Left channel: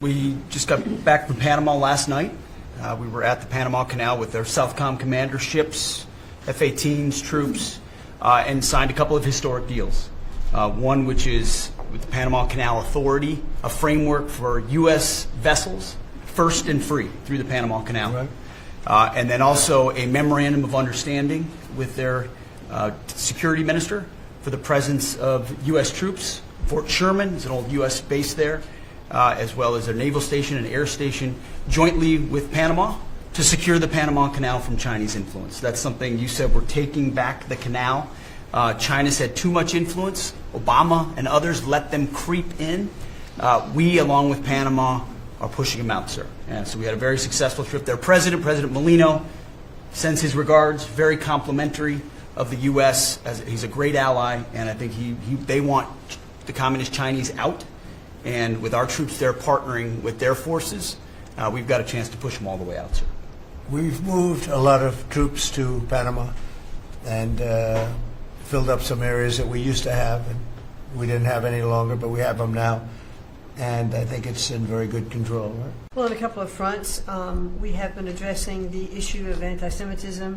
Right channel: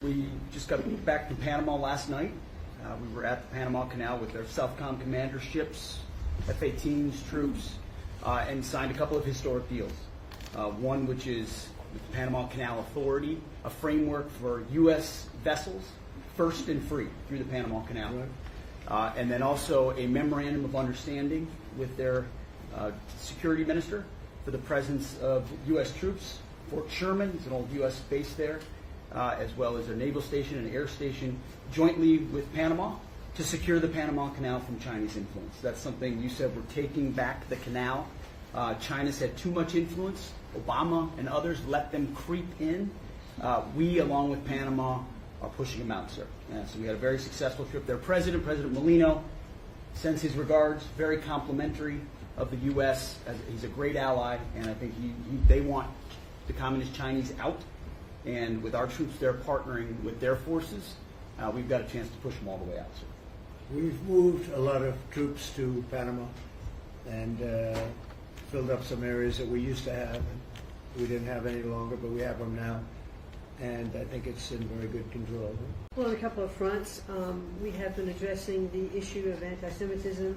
We just got back from Panama last night. We were at the Panama Canal with their Southcom commander ships, F-18s, troops, and signed a couple of historic deals. One which is with the Panama Canal Authority, a framework for U.S. vessels, first and free through the Panama Canal. Right. And then also a memorandum of understanding with their security minister for the presence of U.S. troops. Fort Sherman is an old U.S. base there, as well as a naval station and air station, jointly with Panama to secure the Panama Canal from Chinese influence. That's something you said, we're taking back the canal. China's had too much influence. Obama and others let them creep in. We, along with Panama, are pushing them out, sir. And so we had a very successful trip there. President Molino, sends his regards, very complimentary of the U.S. He's a great ally, and I think they want the Communist Chinese out. And with our troops there partnering with their forces, we've got a chance to push them all the way out, sir. We've moved a lot of troops to Panama and filled up some areas that we used to have, and we didn't have any longer, but we have them now. And I think it's in very good control. Right? Well, on a couple of fronts, we have been addressing the issue of anti-Semitism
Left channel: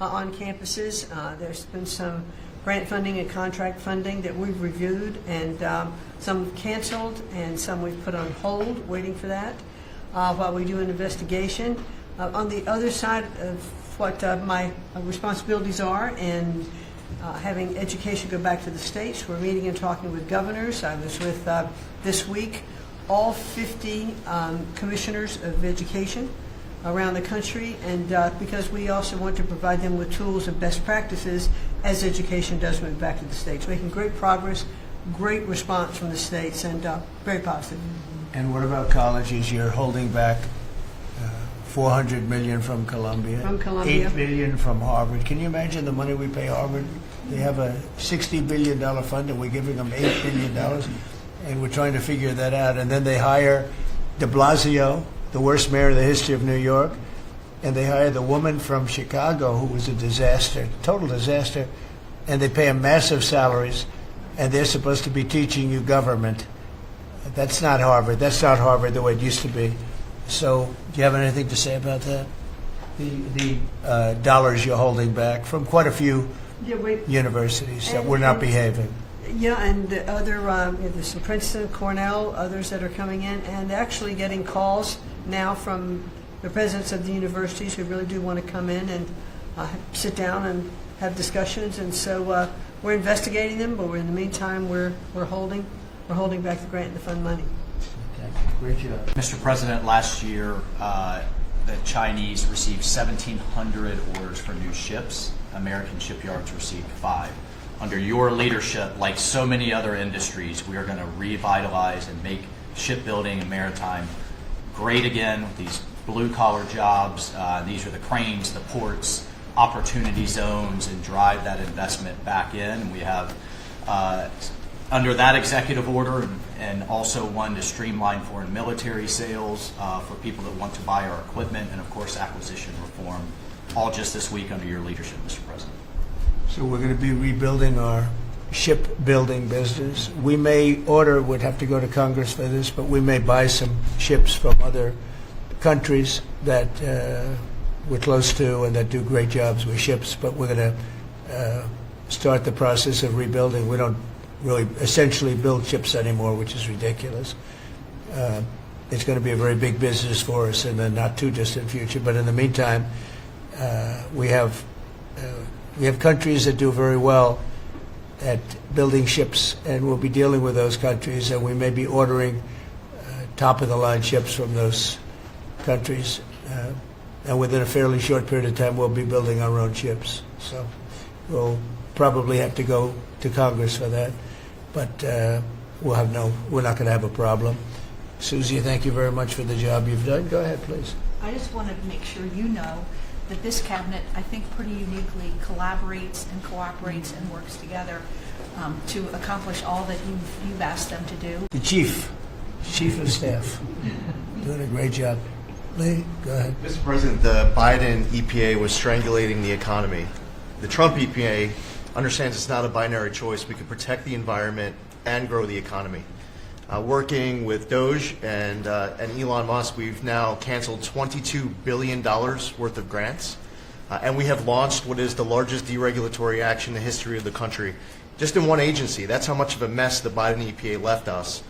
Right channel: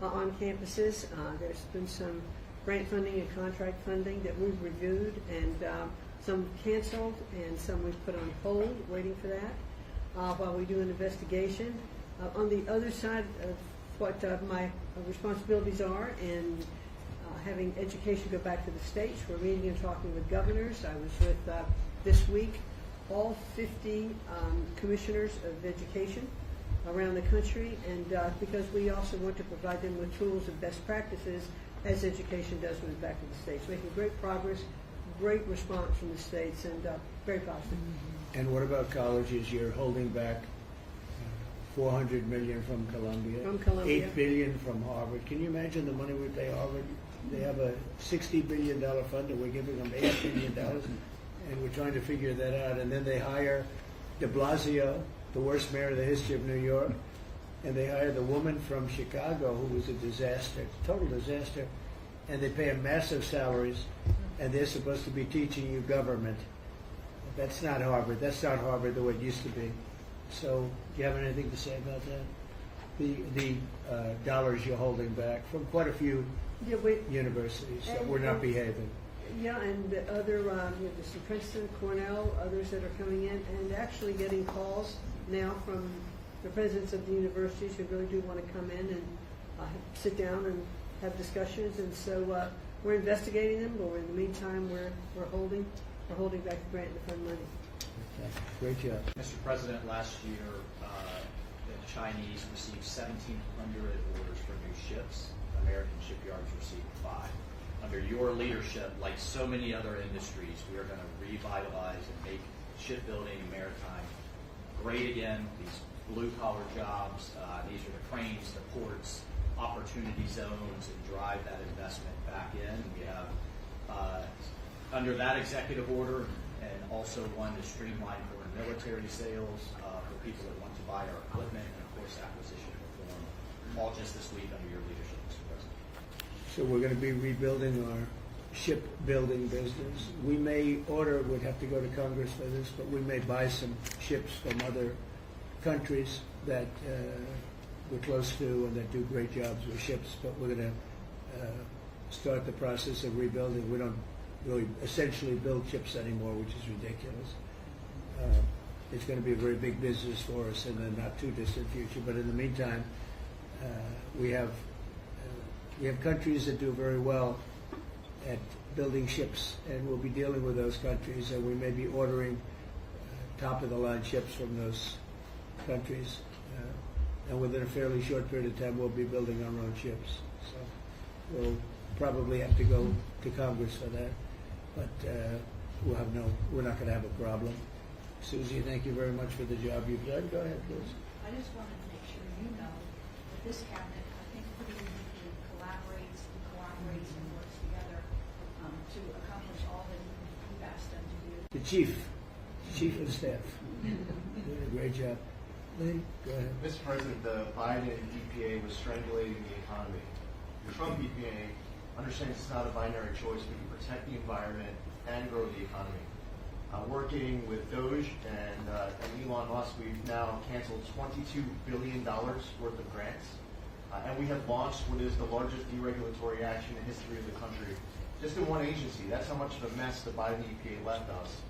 on campuses. There's been some grant funding and contract funding that we've reviewed, and some canceled and some we've put on hold, waiting for that, while we do an investigation. On the other side of what my responsibilities are in having education go back to the states, we're meeting and talking with governors. I was with, this week, all 50 commissioners of education around the country, and because we also want to provide them with tools and best practices as education does move back to the states. Making great progress, great response from the states, and very positive. And what about colleges? You're holding back $400 million from Columbia, $8 billion from Harvard. Can you imagine the money we pay Harvard? They have a $60 billion fund, and we're giving them $8 billion, and we're trying to figure that out. And then they hire de Blasio, the worst mayor in the history of New York, and they hire the woman from Chicago who was a disaster, total disaster, and they pay them massive salaries, and they're supposed to be teaching you government. That's not Harvard. That's not Harvard the way it used to be. So do you have anything to say about that? The dollars you're holding back from quite a few universities that were not behaving. Yeah, and the other, there's some Princeton, Cornell, others that are coming in, and actually getting calls now from the presidents of the universities who really do want to come in and sit down and have discussions. And so we're investigating them, but in the meantime, we're holding back the grant and the fund money. Okay. Great job. Mr. President, last year the Chinese received 1,700 orders for new ships. American shipyards received 5. Under your leadership, like so many other industries, we are going to revitalize and make shipbuilding and maritime great again with these blue-collar jobs. These are the cranes, the ports, opportunity zones, and drive that investment back in. We have, under that executive order, and also one to streamline foreign military sales for people that want to buy our equipment, and of course acquisition reform, all just this week under your leadership, Mr. President. So we're going to be rebuilding our shipbuilding business. We may order, would have to go to Congress for this, but we may buy some ships from other countries that we're close to and that do great jobs with ships, but we're going to start the process of rebuilding. We don't really essentially build ships anymore, which is ridiculous. It's going to be a very big business for us in the not too distant future, but in the meantime, we have countries that do very well at building ships, and we'll be dealing with those countries, and we may be ordering top-of-the-line ships from those countries. And within a fairly short period of time, we'll be building our own ships. So we'll probably have to go to Congress for that, but we're not going to have a problem. Susie, thank you very much for the job you've done. Go ahead, please. I just wanted to make sure you know that this cabinet, I think, pretty uniquely collaborates and cooperates and works together to accomplish all that you've asked them to do. The chief of staff, doing a great job. Lee, go ahead. Mr. President, the Biden EPA was strangulating the economy. The Trump EPA understands it's not a binary choice. We can protect the environment and grow the economy. Working with Doge and Elon Musk, we've now canceled $22 billion worth of grants. And we have launched what is the largest deregulatory action in the history of the country, just in one agency. That's how much of a mess the Biden EPA left us.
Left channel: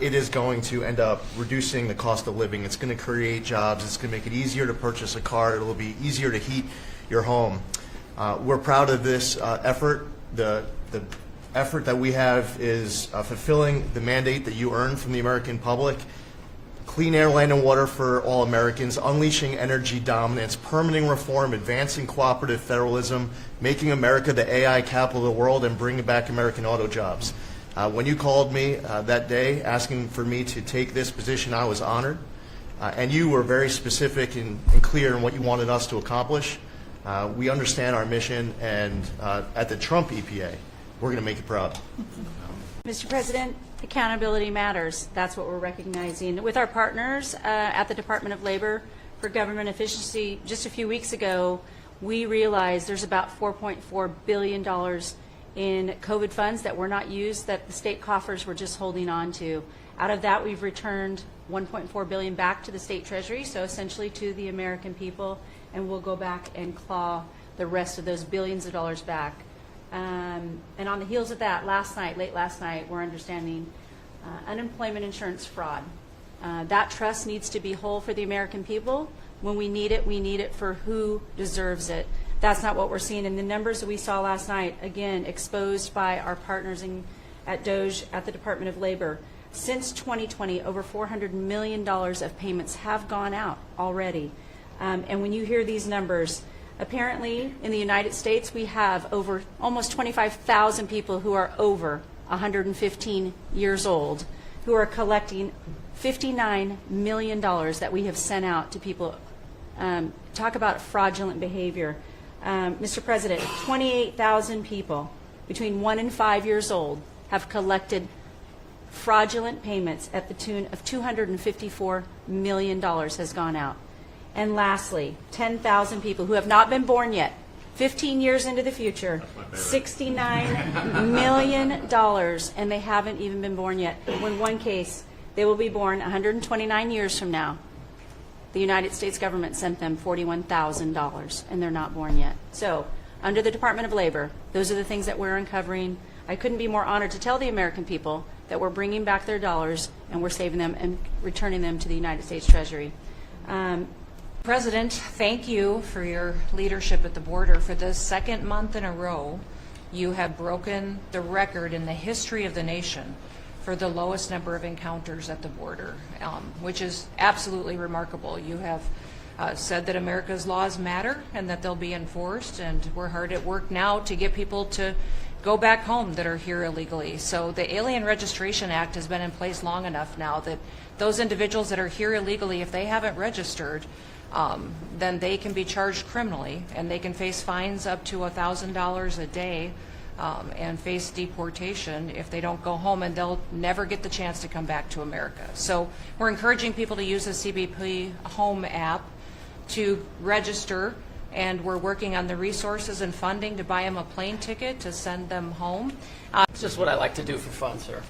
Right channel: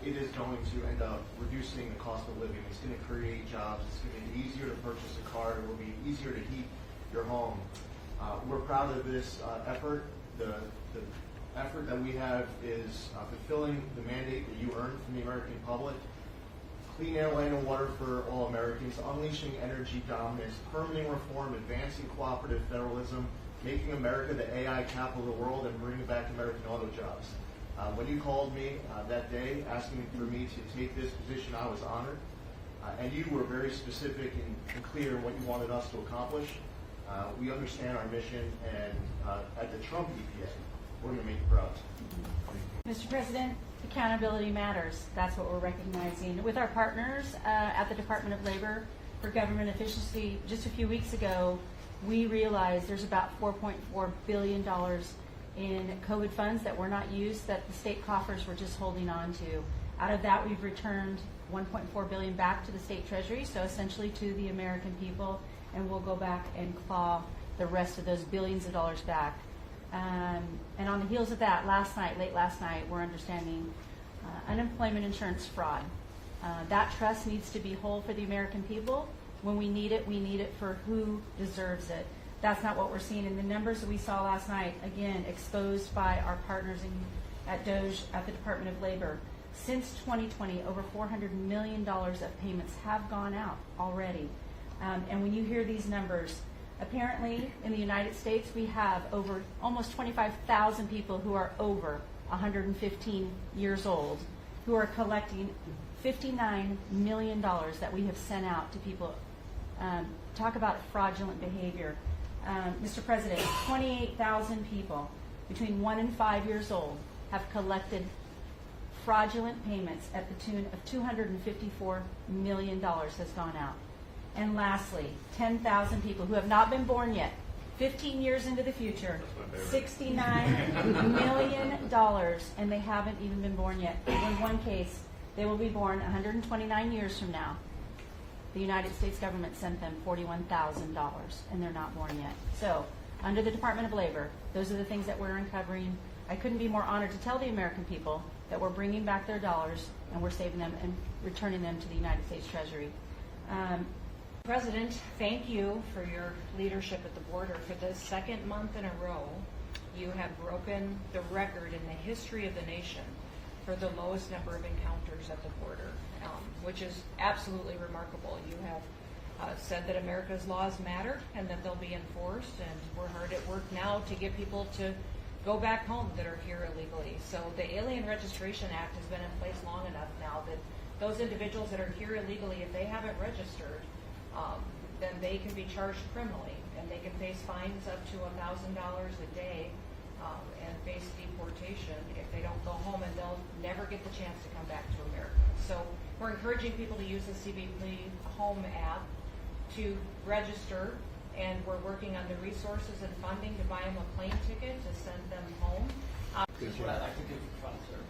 It is going to end up reducing the cost of living. It's going to create jobs. It's going to make it easier to purchase a car. It will be easier to heat your home. We're proud of this effort. The effort that we have is fulfilling the mandate that you earned from the American public. Clean air, land, and water for all Americans, unleashing energy dominance, permitting reform, advancing cooperative federalism, making America the AI capital of the world, and bringing back American auto jobs. When you called me that day asking for me to take this position, I was honored. And you were very specific and clear in what you wanted us to accomplish. We understand our mission, and at the Trump EPA, we're going to make you proud. Mr. President, accountability matters. That's what we're recognizing. With our partners at the Department of Labor for Government Efficiency, just a few weeks ago, we realized there's about $4.4 billion in COVID funds that were not used, that the state coffers were just holding on to. Out of that, we've returned $1.4 billion back to the state treasury, so essentially to the American people, and we'll go back and claw the rest of those billions of dollars back. And on the heels of that, late last night, we're understanding unemployment insurance fraud. That trust needs to be whole for the American people. When we need it for who deserves it. That's not what we're seeing in the numbers that we saw last night, again, exposed by our partners at Doge at the Department of Labor. Since 2020, over $400 million of payments have gone out already. And when you hear these numbers, apparently in the United States, we have over almost 25,000 people who are over 115 years old who are collecting $59 million that we have sent out to people. Talk about fraudulent behavior. Mr. President, 28,000 people between 1 and 5 years old have collected fraudulent payments at the tune of $254 million has gone out. And lastly, 10,000 people who have not been born yet, 15 years into the future, $69 million, and they haven't even been born yet. In one case, they will be born 129 years from now. The United States government sent them $41,000, and they're not born yet. So, under the Department of Labor, those are the things that we're uncovering. I couldn't be more honored to tell the American people that we're bringing back their dollars, and we're saving them and returning them to the United States Treasury. President, thank you for your leadership at the border. For the second month in a row, you have broken the record in the history of the nation for the lowest number of encounters at the border, which is absolutely remarkable. You have said that America's laws matter and that they'll be enforced, and we're hard at work now to get people to go back home that are here illegally. So the Alien Registration Act has been in place long enough now that those individuals that are here illegally, if they haven't registered, then they can be charged criminally, and they can face fines up to $1,000 a day and face deportation if they don't go home, and they'll never get the chance to come back to America. So we're encouraging people to use the CBP Home app to register, and we're working on the resources and funding to buy them a plane ticket to send them home. It's just what I like to do for fun, sir.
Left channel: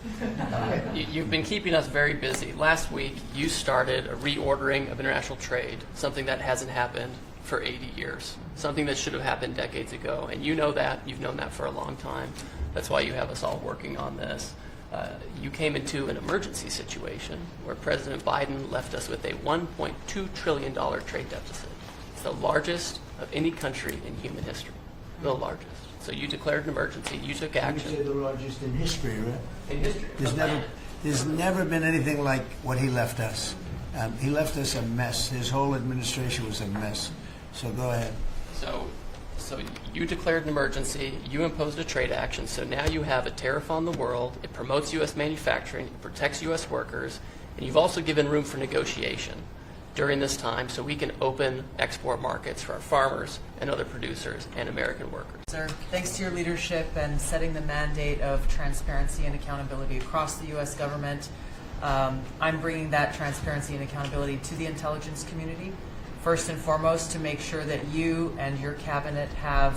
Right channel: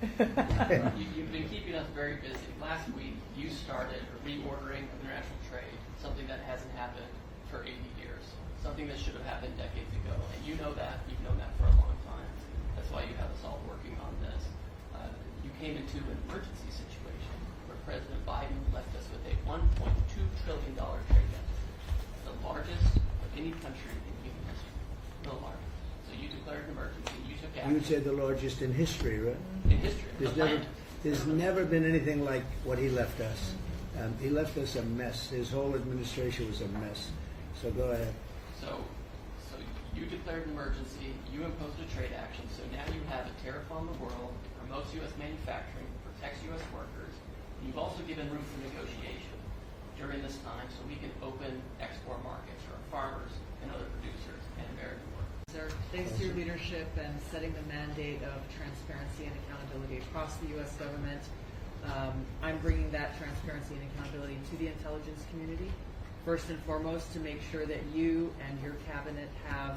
You've been keeping us very busy. Last week, you started a reordering of international trade, something that hasn't happened for 80 years, something that should have happened decades ago. And you know that. You've known that for a long time. That's why you have us all working on this. You came into an emergency situation where President Biden left us with a $1.2 trillion trade deficit. It's the largest of any country in human history, the largest. So you declared an emergency, you took action. You say the largest in history, right? In history. There's never been anything like what he left us. He left us a mess. His whole administration was a mess. So go ahead. So you declared an emergency, you imposed a trade action, so now you have a tariff on the world, it promotes U.S. manufacturing, it protects U.S. workers, and you've also given room for negotiation during this time so we can open export markets for our farmers and other producers and American workers. Sir, thanks to your leadership and setting the mandate of transparency and accountability across the U.S. government, I'm bringing that transparency and accountability to the intelligence community. First and foremost, to make sure that you and your cabinet have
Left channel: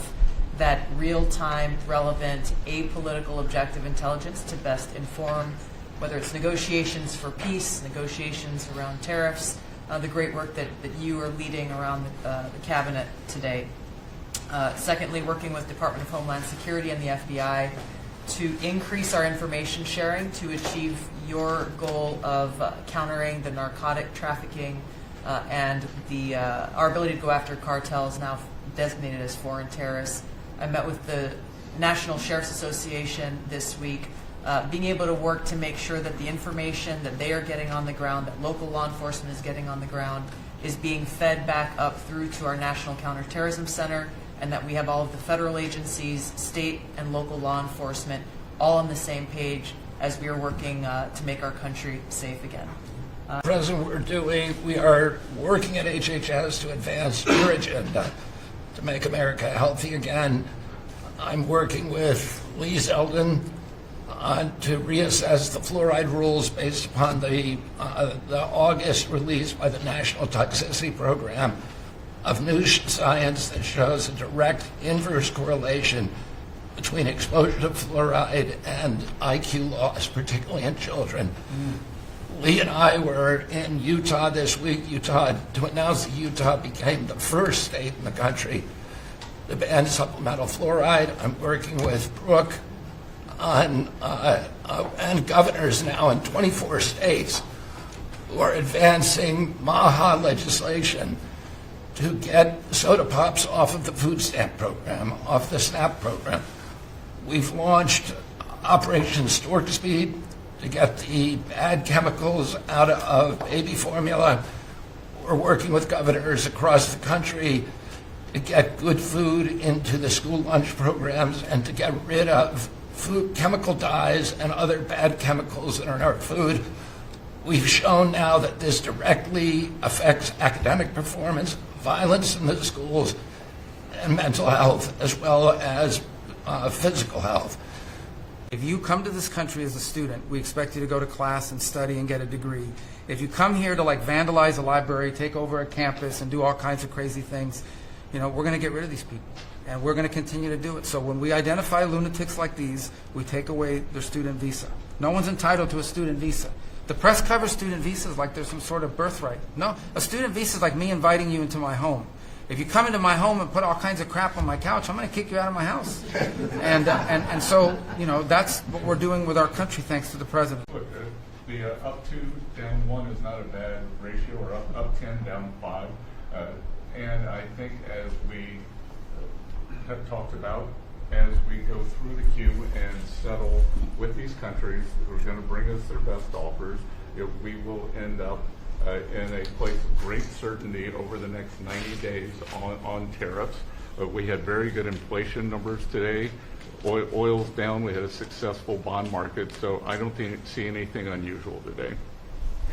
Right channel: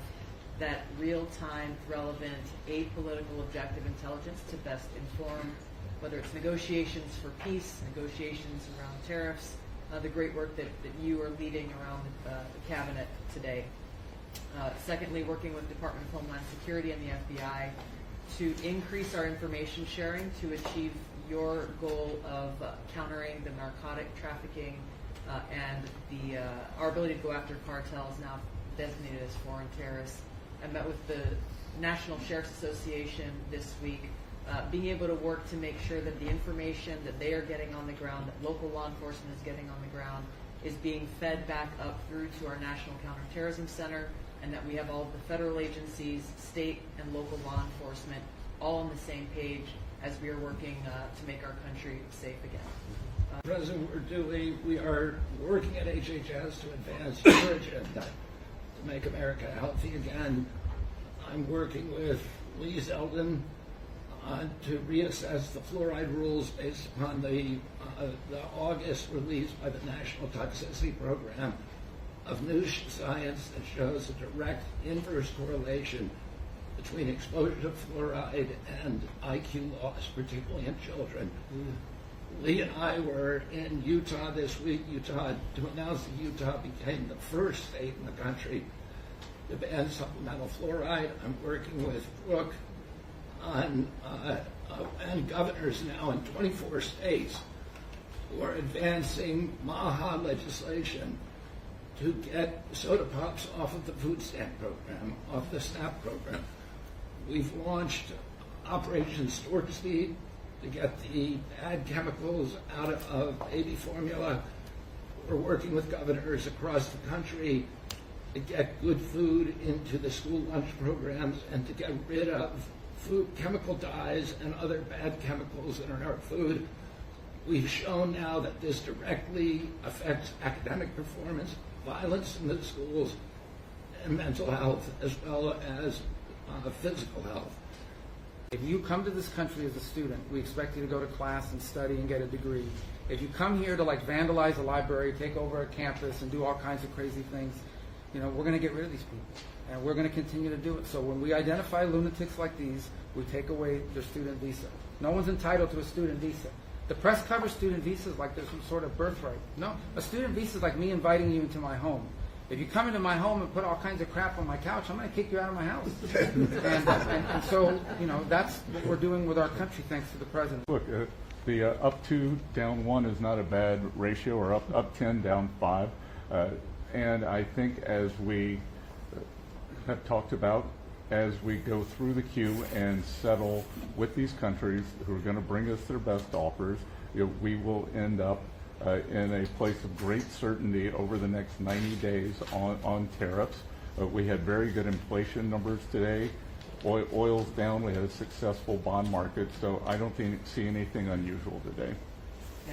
that real-time, relevant, apolitical, objective intelligence to best inform whether it's negotiations for peace, negotiations around tariffs, the great work that you are leading around the cabinet today. Secondly, working with Department of Homeland Security and the FBI to increase our information sharing to achieve your goal of countering the narcotic trafficking and our ability to go after cartels now designated as foreign terrorists. I met with the National Sheriff's Association this week, being able to work to make sure that the information that they are getting on the ground, that local law enforcement is getting on the ground, is being fed back up through to our National Counterterrorism Center, and that we have all of the federal agencies, state and local law enforcement, all on the same page as we are working to make our country safe again. President, we are working at HHS to advance your agenda to make America healthy again. I'm working with Lee Zeldin to reassess the fluoride rules based upon the August release by the National Toxicity Program of new science that shows a direct inverse correlation between exposure to fluoride and IQ loss, particularly in children. Lee and I were in Utah this week, to announce that Utah became the first state in the country to ban supplemental fluoride. I'm working with Brooke on and governors now in 24 states who are advancing MAHA legislation to get soda pops off of the food stamp program, off the SNAP program. We've launched Operation Stork Speed to get the bad chemicals out of baby formula. We're working with governors across the country to get good food into the school lunch programs and to get rid of food chemical dyes and other bad chemicals that are in our food. We've shown now that this directly affects academic performance, violence in the schools, and mental health, as well as physical health. If you come to this country as a student, we expect you to go to class and study and get a degree. If you come here to vandalize a library, take over a campus, and do all kinds of crazy things, we're going to get rid of these people, and we're going to continue to do it. So when we identify lunatics like these, we take away their student visa. No one's entitled to a student visa. The press covers student visas like there's some sort of birthright. No, a student visa is like me inviting you into my home. If you come into my home and put all kinds of crap on my couch, I'm going to kick you out of my house. And so, that's what we're doing with our country, thanks to the president. Look, the up 2, down 1 is not a bad ratio, or up 10, down 5. And I think as we have talked about, as we go through the queue and settle with these countries who are going to bring us their best offers, we will end up in a place of great certainty over the next 90 days on tariffs. But we had very good inflation numbers today. Oil's down. We had a successful bond market. So I don't see anything unusual today.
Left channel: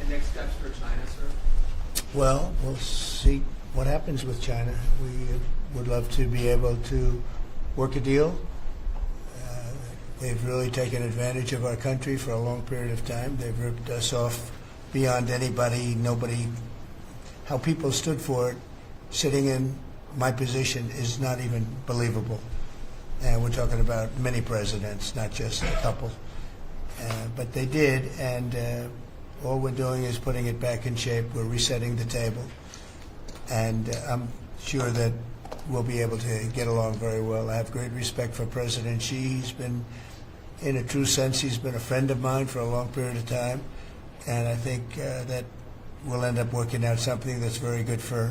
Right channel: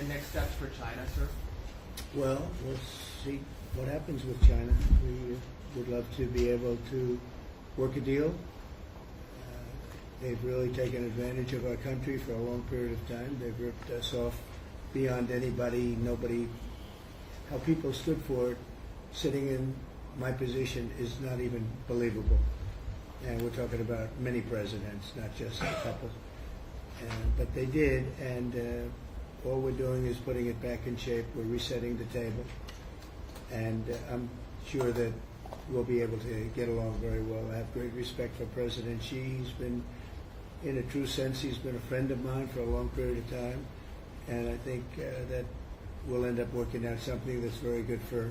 And next steps for China, sir? Well, we'll see what happens with China. We would love to be able to work a deal. They've really taken advantage of our country for a long period of time. They've ripped us off beyond nobody. How people stood for it, sitting in my position, is not even believable. And we're talking about many presidents, not just a couple. But they did, and all we're doing is putting it back in shape. We're resetting the table. And I'm sure that we'll be able to get along very well. I have great respect for President Xi. He's been, in a true sense, he's been a friend of mine for a long period of time. And I think that we'll end up working out something that's very good for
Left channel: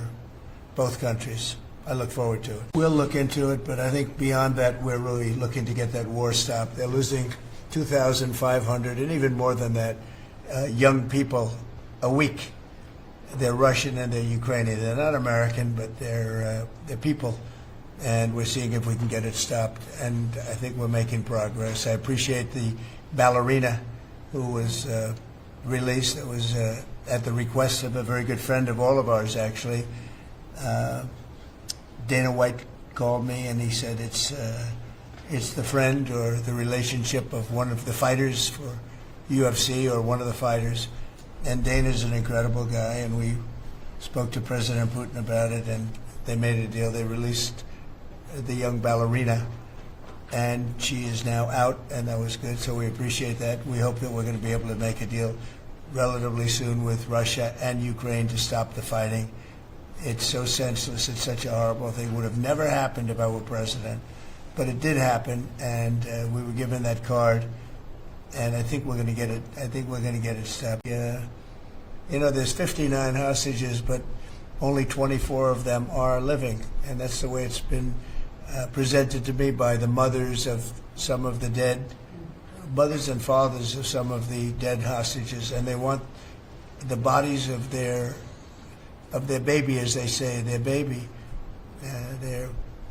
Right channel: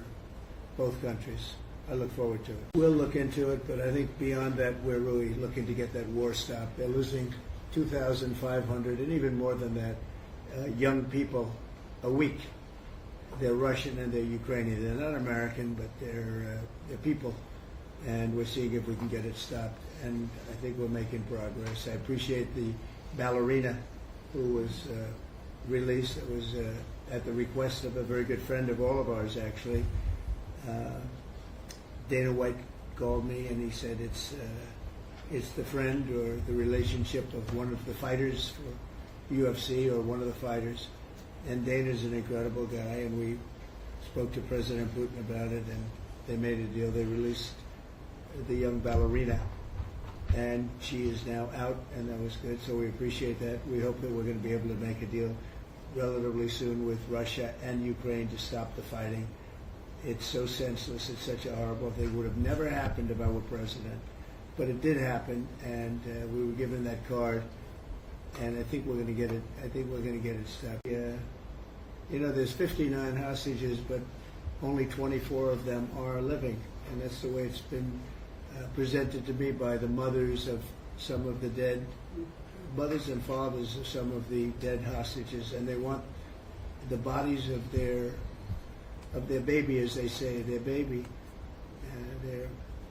both countries. I look forward to it. We'll look into it, but I think beyond that, we're really looking to get that war stopped. They're losing 2,500 and even more than that young people a week. They're Russian and they're Ukrainian. They're not American, but they're people. And we're seeing if we can get it stopped. And I think we're making progress. I appreciate the ballerina who was released. It was at the request of a very good friend of all of ours, actually. Dana White called me and he said it's the friend or the relationship of one of the fighters for UFC or one of the fighters. And Dana's an incredible guy, and we spoke to President Putin about it, and they made a deal. They released the young ballerina, and she is now out, and that was good, so we appreciate that. We hope that we're going to be able to make a deal relatively soon with Russia and Ukraine to stop the fighting. It's so senseless. It's such a horrible thing. It would have never happened if I were president, but it did happen, and we were given that card, and I think we're going to get it. I think we're going to get it stopped. Yeah, you know, there's 59 hostages, but only 24 of them are living, and that's the way it's been presented to me by the mothers of some of the dead, mothers and fathers of some of the dead hostages, and they want the bodies of their baby, as they say, their baby, their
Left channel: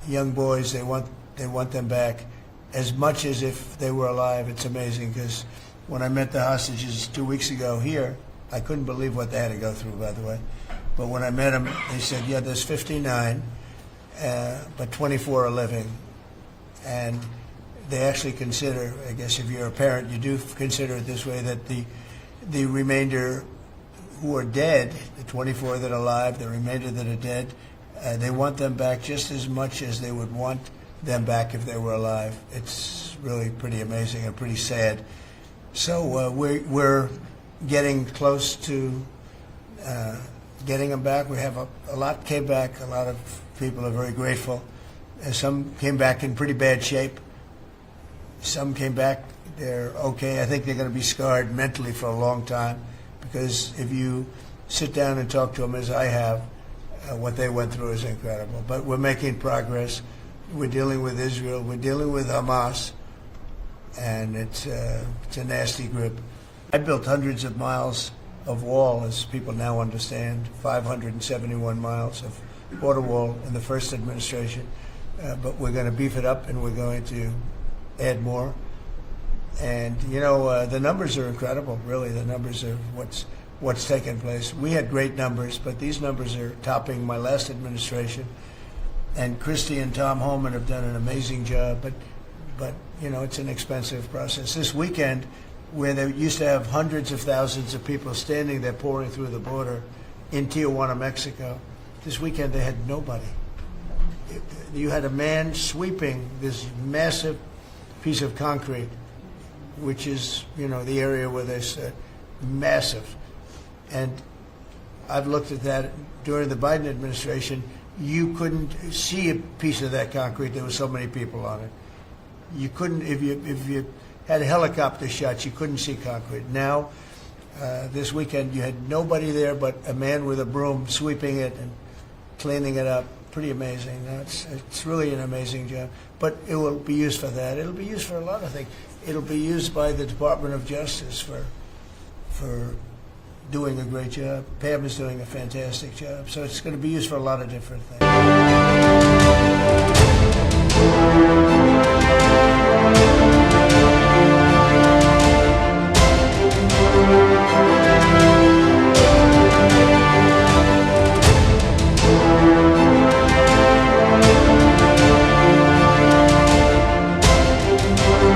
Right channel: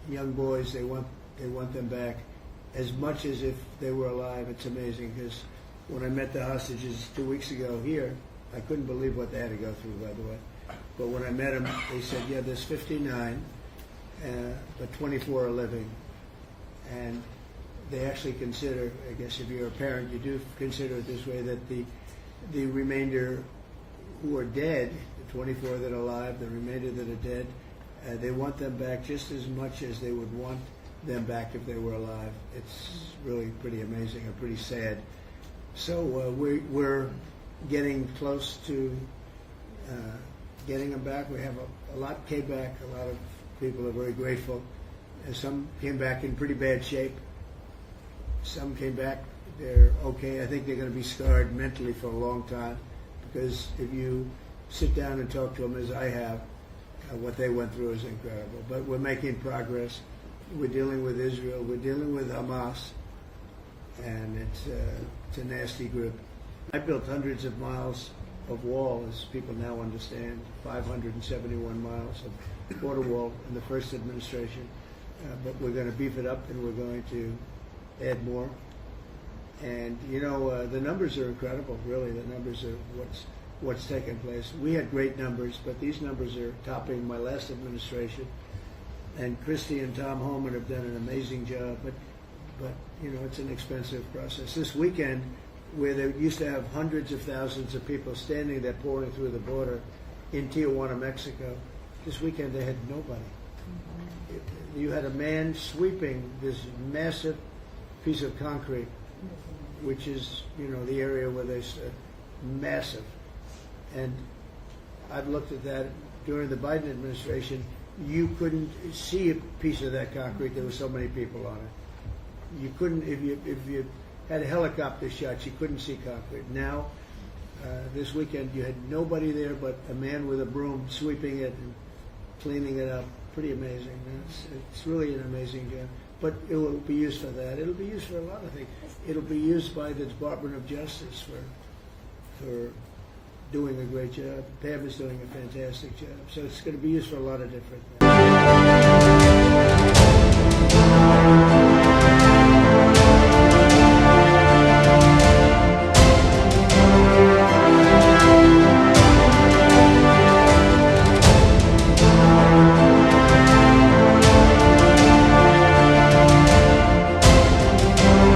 young boys. They want them back as much as if they were alive. It's amazing, because when I met the hostages 2 weeks ago here, I couldn't believe what they had to go through, by the way. But when I met them, they said, yeah, there's 59, but 24 are living. And they actually consider, I guess if you're a parent, you do consider it this way, that the remainder who are dead, the 24 that are alive, the remainder that are dead, they want them back just as much as they would want them back if they were alive. It's really pretty amazing and pretty sad. So we're getting close to getting them back. We have a lot came back. A lot of people are very grateful. Some came back in pretty bad shape. Some came back, they're okay. I think they're going to be scarred mentally for a long time, because if you sit down and talk to them, as I have, what they went through is incredible. But we're making progress. We're dealing with Israel. We're dealing with Hamas, and it's a nasty group. I built hundreds of miles of wall, as people now understand, 571 miles of border wall in the first administration. But we're going to beef it up, and we're going to add more. And you know, the numbers are incredible. Really, the numbers are what's taken place. We had great numbers, but these numbers are topping my last administration. And Christie and Tom Homan have done an amazing job. But you know, it's an expensive process. This weekend, where they used to have hundreds of thousands of people standing there pouring through the border in Tijuana, Mexico, this weekend they had nobody. You had a man sweeping this massive piece of concrete, which is, you know, the area where they said massive. And I've looked at that during the Biden administration. You couldn't see a piece of that concrete. There were so many people on it. You couldn't, if you had helicopter shots, you couldn't see concrete. Now, this weekend, you had nobody there but a man with a broom sweeping it and cleaning it up. Pretty amazing. It's really an amazing job. But it will be used for that. It'll be used for a lot of things. It'll be used by the Department of Justice for doing a great job. Pam is doing a fantastic job. So it's going to be used for a lot of different things.